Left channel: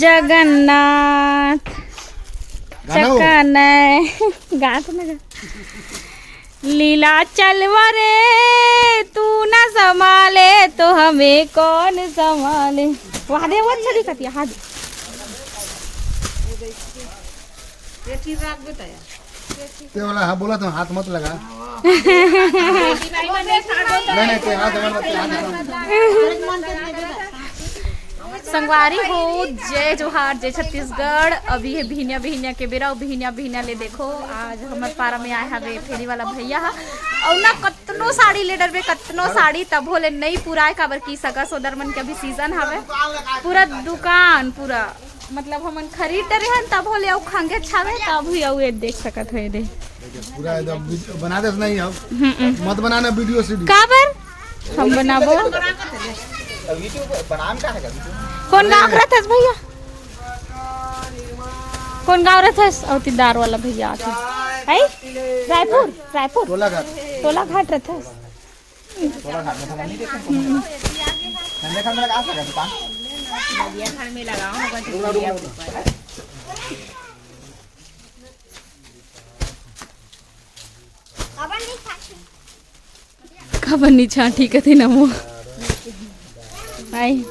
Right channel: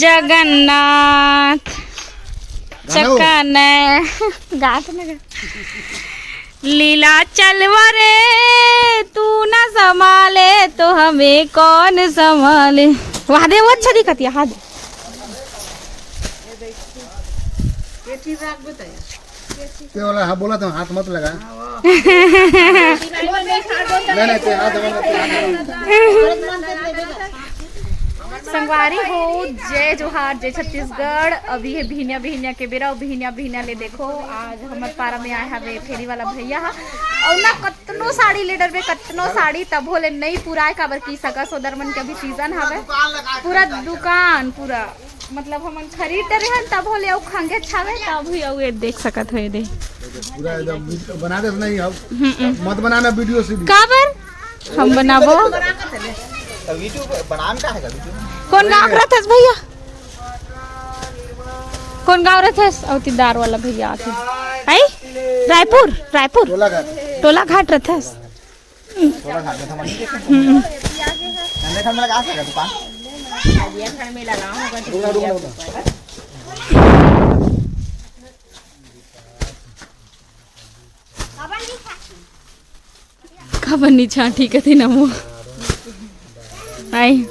जगन्नाथ चक्कन गात न लीला चलवा रे तू न संभाले तो हमें कौन संभाले। वहाँ दे वो अच्छा दिखती है। हाँ ते वाला हाँ बोला तो हाथ मत लगा। नहीं ते हाथ संगवारी हो जय जोहार जय छत्तीसगढ़। अभी है भिनिया भिनिया के बेरा भिनिया भिनिया ले देखो आज हमार पारा में आए हवे फेरी वाला भैया हा और ना कतनो साड़ी ले डरबे कतनो साड़ी तब होले नहीं पूरा काबर की सगा सोदर मन के अभी सीजन हवे पूरा दुकान पूरा मतलब हमन खरीद रहे हैं तब होले औ खंगे छावे तब ही औ देख सकत है दे पूरा एकदम बना दे नहीं अब मत बनाना वीडियो से काबर हम बनाबो वीडियो बनाने का है वीडियो कौन गाँव का रहता भैया कौन गाँव रहता औतीदार वाला भैया आते है रायपुर रायपुर टोला घाट रहता खबर नहीं छा ठीक है ना वो आई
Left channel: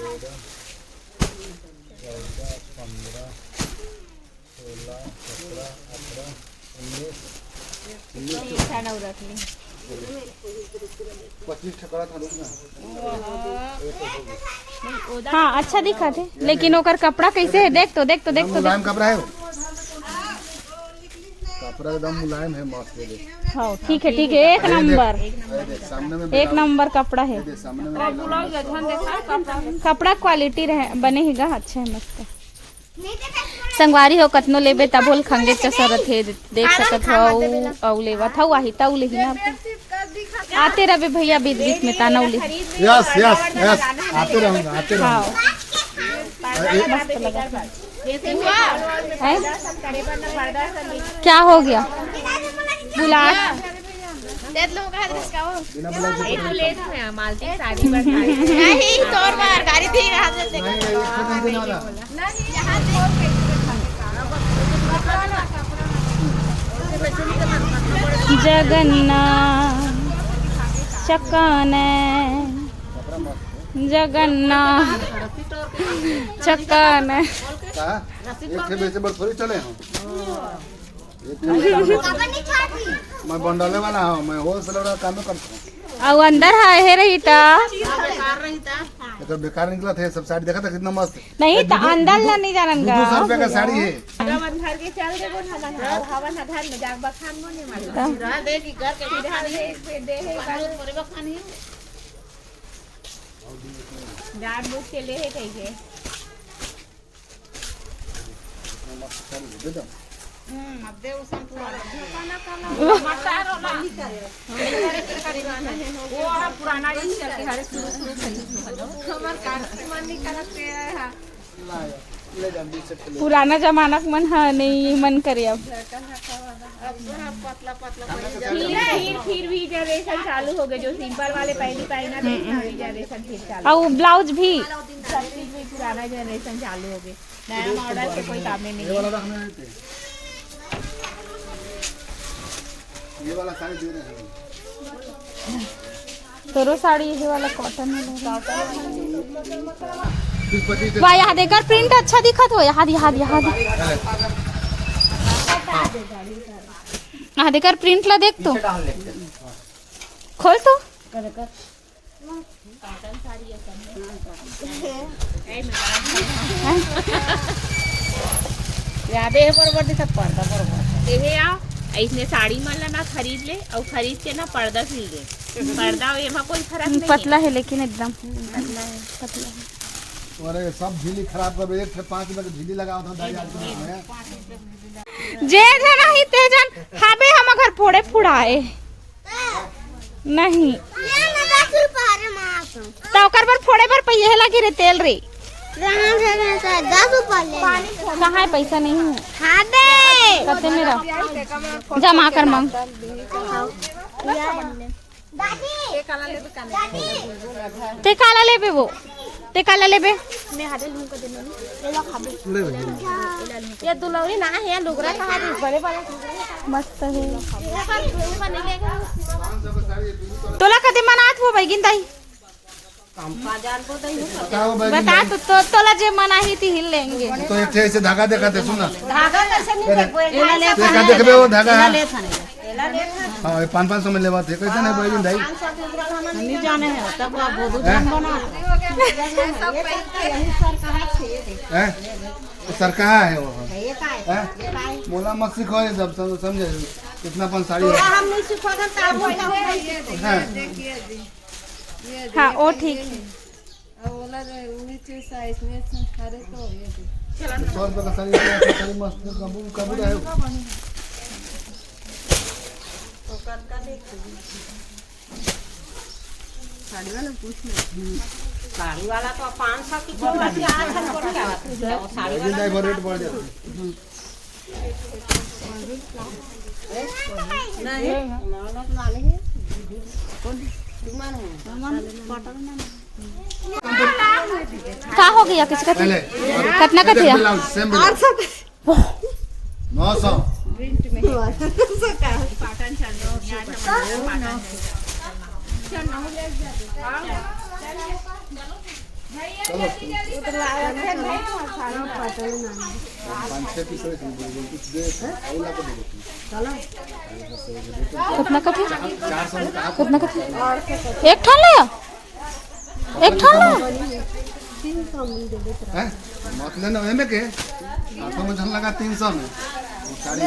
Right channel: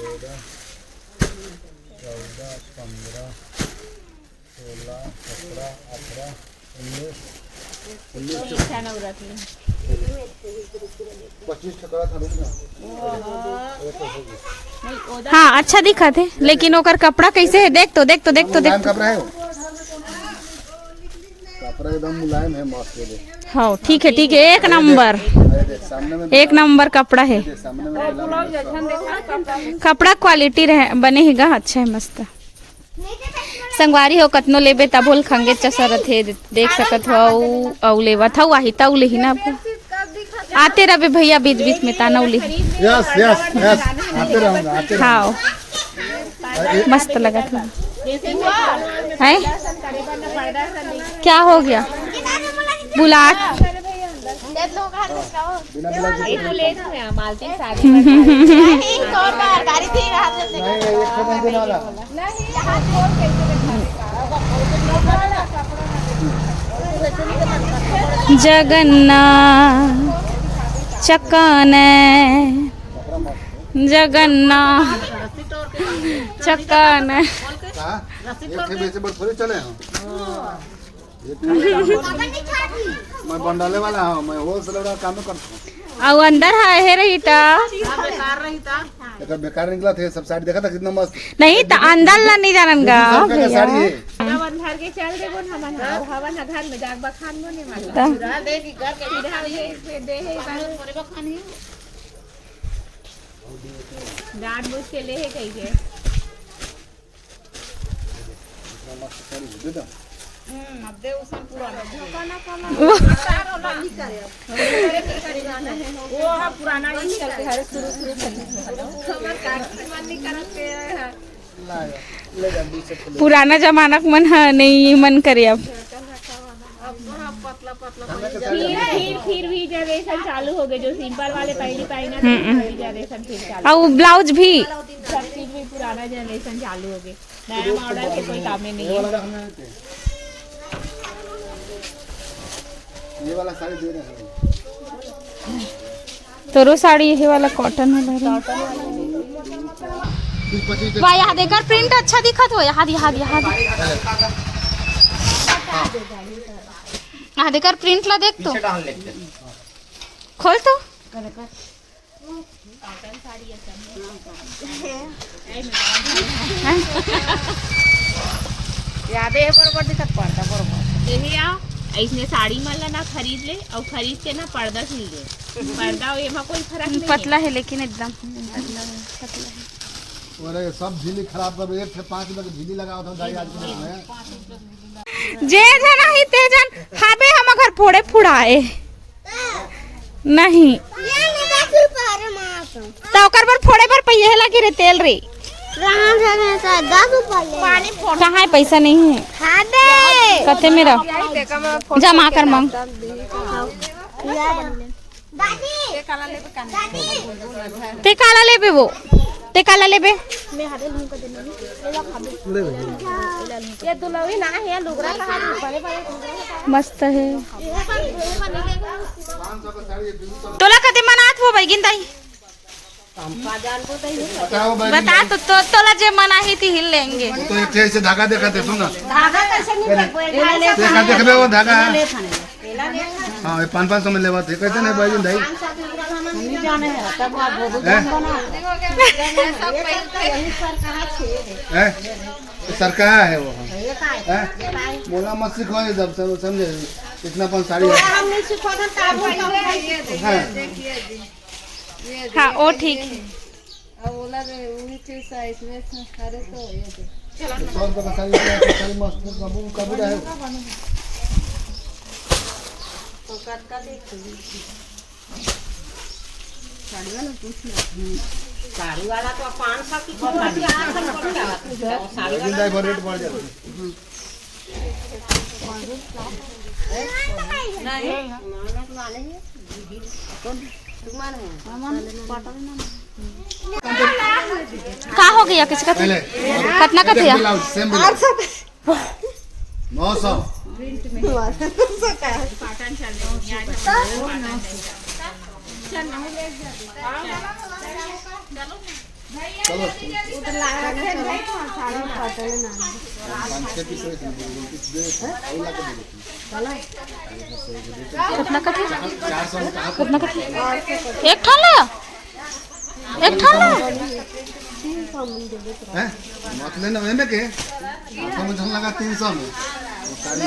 हाँ अच्छा दिखा थे लेकिन ओकर कपड़ा कैसे है देख तो कपड़ा है कपड़ा एकदम मुलायम है मस्त है। हाँ ठीक है एक नंबर एक नंबर कपड़ा है कपड़ा क्वालिटी रहे बनेगा अच्छा है मस्त संगवारी हो कतनो लेबे तब बोल खंगे चसरत है देख सकत हो औ लेवत हो वही तौ ले ही ना आते रहे भैया बीच बीच में तानौली यस आते रहूंगा हाँ मस्त लगा था है क्या हो गया बुला जगन्नाथ चक्कन जगन्नाथ चक्कन मैं बंडाले वाला हूँ मैं होलसेल वाला काम करता हूँ और अंदर है रही था तो बेकार निकला था सब साड़ी देखा था कितना मस्त नहीं तो अंदर ला नहीं जानगा साड़ी है पुराना जमाना मन नहीं मन करे अब फिर भी जनरेशन चालू हो गए जो सिंपल वाले पहले जनरेशन और ब्लाउज भी सब चीज भी पुराना जनरेशन चालू हो गए नया मॉडल के कोई काम ही नहीं है। ये वाला साड़ी दे रहे हैं तोरो साड़ी ये वाला कॉटन वाला वाह यहाँ देखकर प्रिंट अच्छा दिखा तो यहाँ देखकर प्रिंट ला देख तो खोल तो इसने साड़ी मन ना खरीद ले और खरीद के ना पर्दा सिल दे पर्दा एमा कोई फर्क नहीं पतला है लेकिन एकदम तुम्हारे सब झीली खराब कर एक 5 रुपए की झीली लगाओ था दाई आज जे जना ही तेजन हाबे हम घर फोड़े फुड़ाए नहीं तो ओकर पर फोड़े पर पैसा लगे रे तेल रे कहाँ है पैसा नहीं है कते मेरा जमा कर मांग ते काला ले वो ते काला लेबे ले ये दुलौरी ना है लुगरा कहाँ है बड़े बड़े मस्त है तो तोला कधी मनात हो बाई गिंदाई बता तो तोला जे मना ही थी हिल लेंगे एक ऐसे धागा दिखाते सुन ना धागा कैसे नहीं देखा देखबे वो धागा है हां ये 500 में लेवा थे कैसे नहीं भाई भाई नहीं जाने हैं तब आप बोल हैं सरकार है वो बोला मत सिखो जब समझे इतना पन साड़ी है हम नहीं सिखाना हाँ वो ठीक है सौ रुपये का साड़ी मस्त कब है साड़ी वाला तो 500 की कीमत 800 पड़ रहा है साड़ी लेकिन दाई रेट बढ़ जाता का हो गया किसका पहले कितना का थिया ब्लाउज सेम ब्लाउज 900 चलो 5-6 पीस कुछ दे औला को दे कितना का थिया 400 का कितना का थिया एक ठान ले एक ठान ले हैं मत लेना में के 800 में झल लगा 300 में वो साड़ी